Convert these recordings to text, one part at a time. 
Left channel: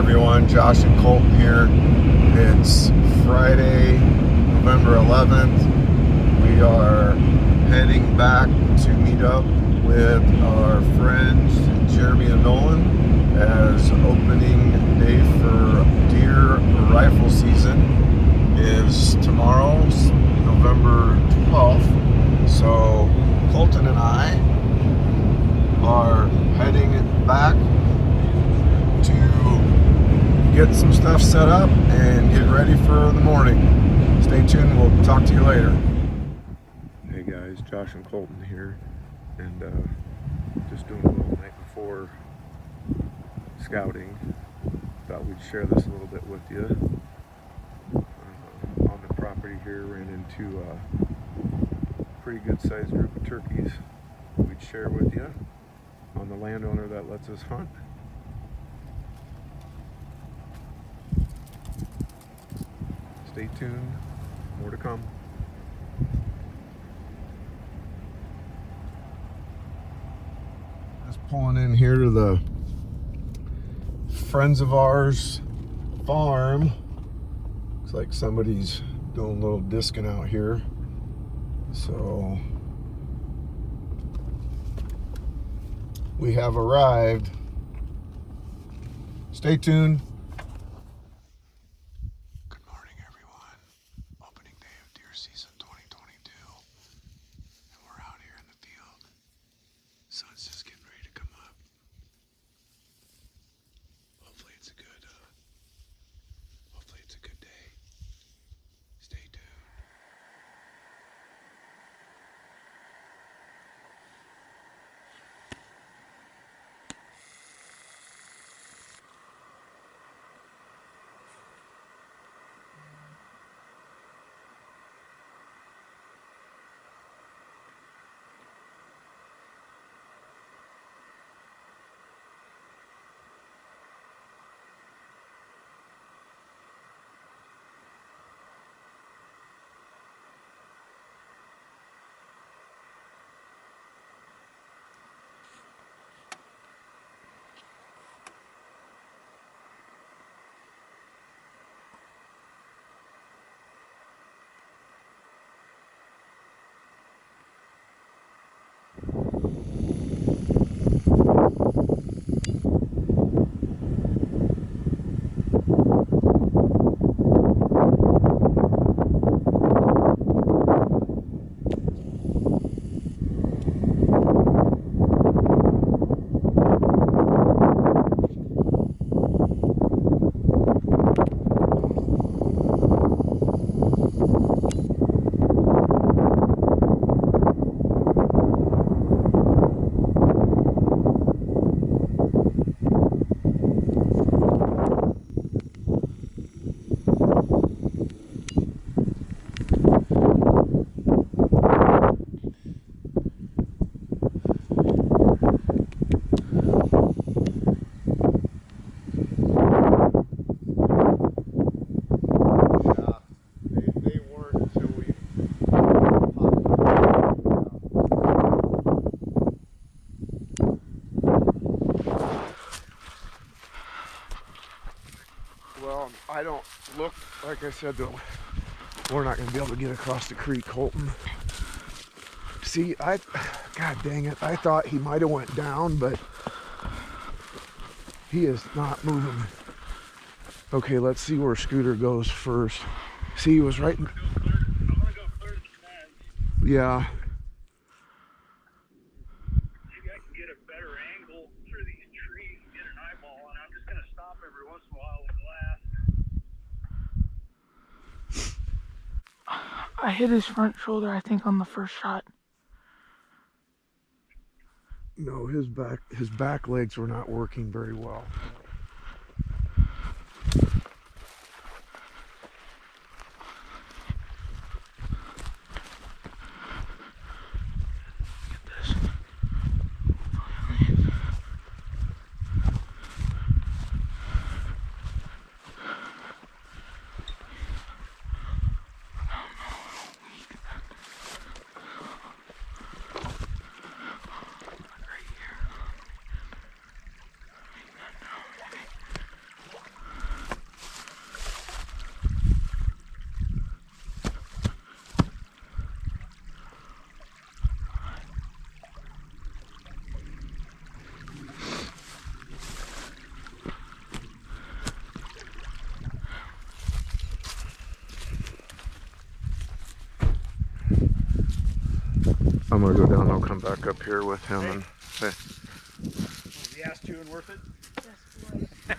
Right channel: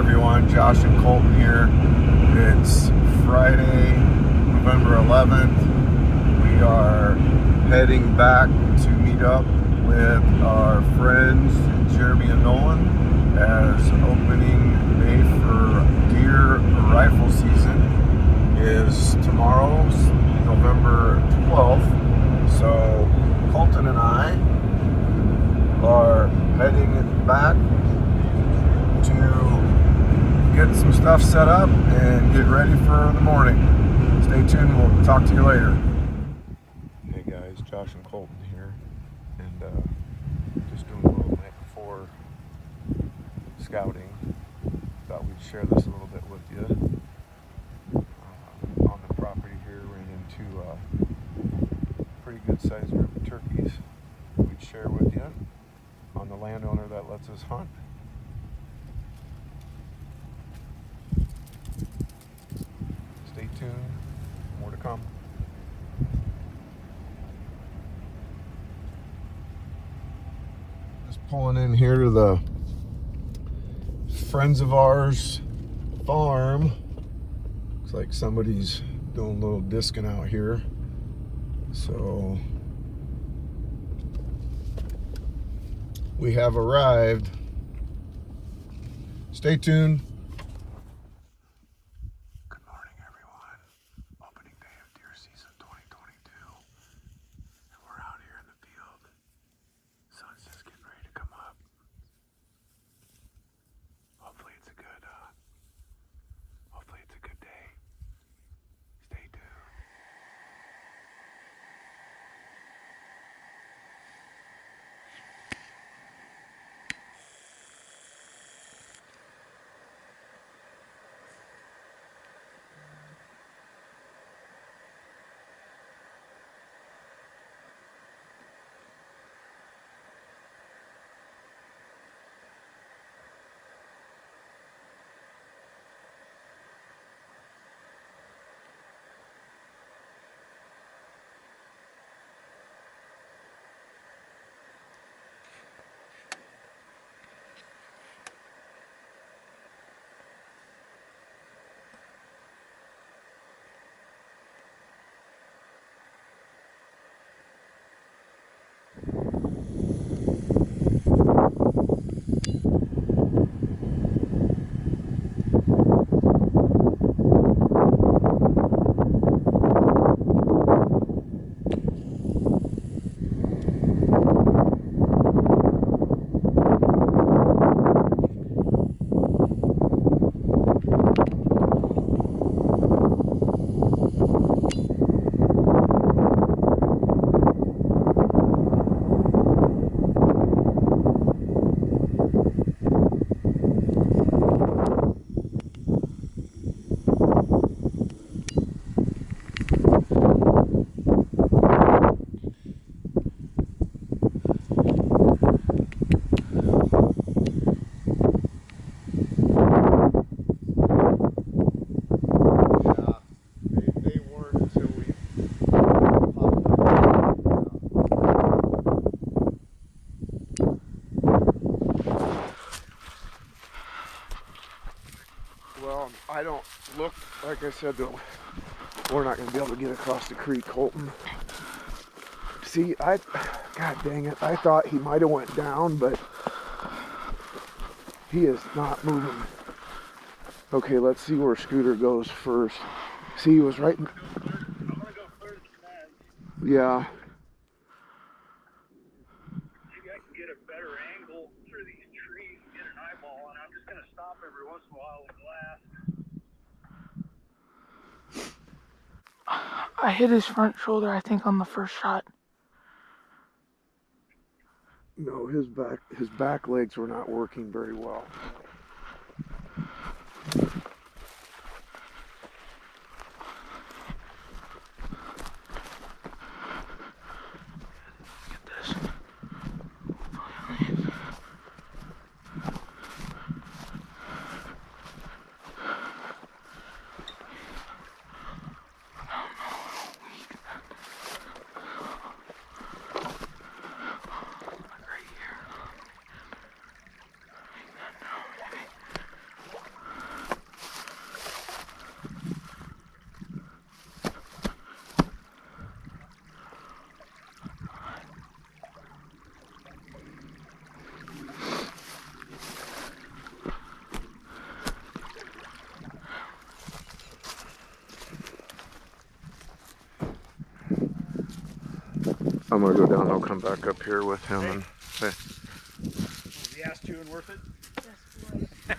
everyone, Josh and Colton here. It's Friday, November 11th. We are heading back to meet up with our friends Jeremy and Nolan as opening day for deer rifle season is tomorrow, November 12th. So Colton and I are heading back to get some stuff set up and get ready for the morning. Stay tuned, we'll talk to you later. Hey guys, Josh and Colton here, and just doing a little night before scouting. Thought we'd share this a little bit with you. On the property here, ran into a pretty good sized group of turkeys we'd share with you on the landowner that lets us hunt. Stay tuned, more to come. Just pulling in here to the friends of ours farm. Looks like somebody's doing a little discing out here. So we have arrived. Stay tuned. Good morning, everyone. Opening day of deer season 2022. And we're out here in the field. Sun's just getting ready to come up. Hopefully it's a good day. Stay tuned. Well, I don't look, like I said, though, we're not going to be able to get across the creek, Colton. See, God dang it, I thought he might have went down, but he is not moving. Okay, let's see where Scooter goes first. See, he was right in... I'm gonna go clear to the fence. Yeah. Maybe I can get a better angle through these trees and get an eyeball, and I'm just gonna stop every once in a while with glass. I hit his front shoulder, I think, on the first shot. No, his back legs were not working very well. I'm gonna go down and I'll come back up here with him and hey. Was the ass chewing worth it? Yes,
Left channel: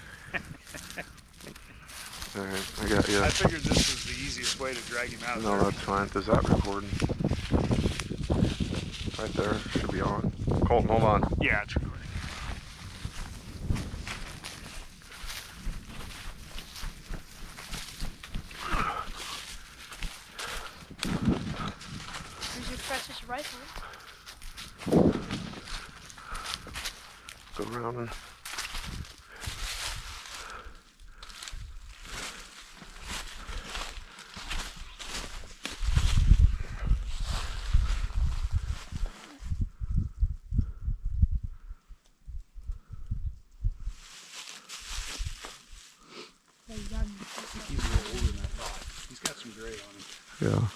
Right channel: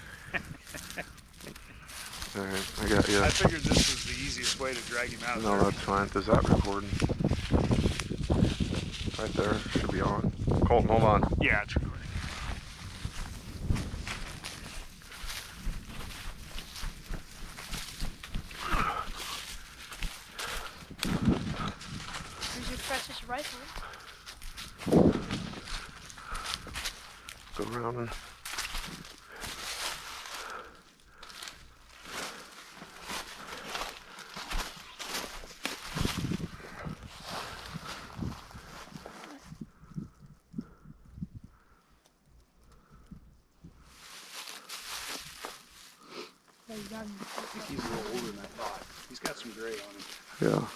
Alright, I got you. I figured this was the easiest way to drag him out of No, there. that's fine. Is that recording? Right there. Should be on. Colton, hold on. Yeah, it's recording. Where's your precious rifle? Go around and Yeah, you got him. He's a little older than I thought. He's got some gray on him. yeah.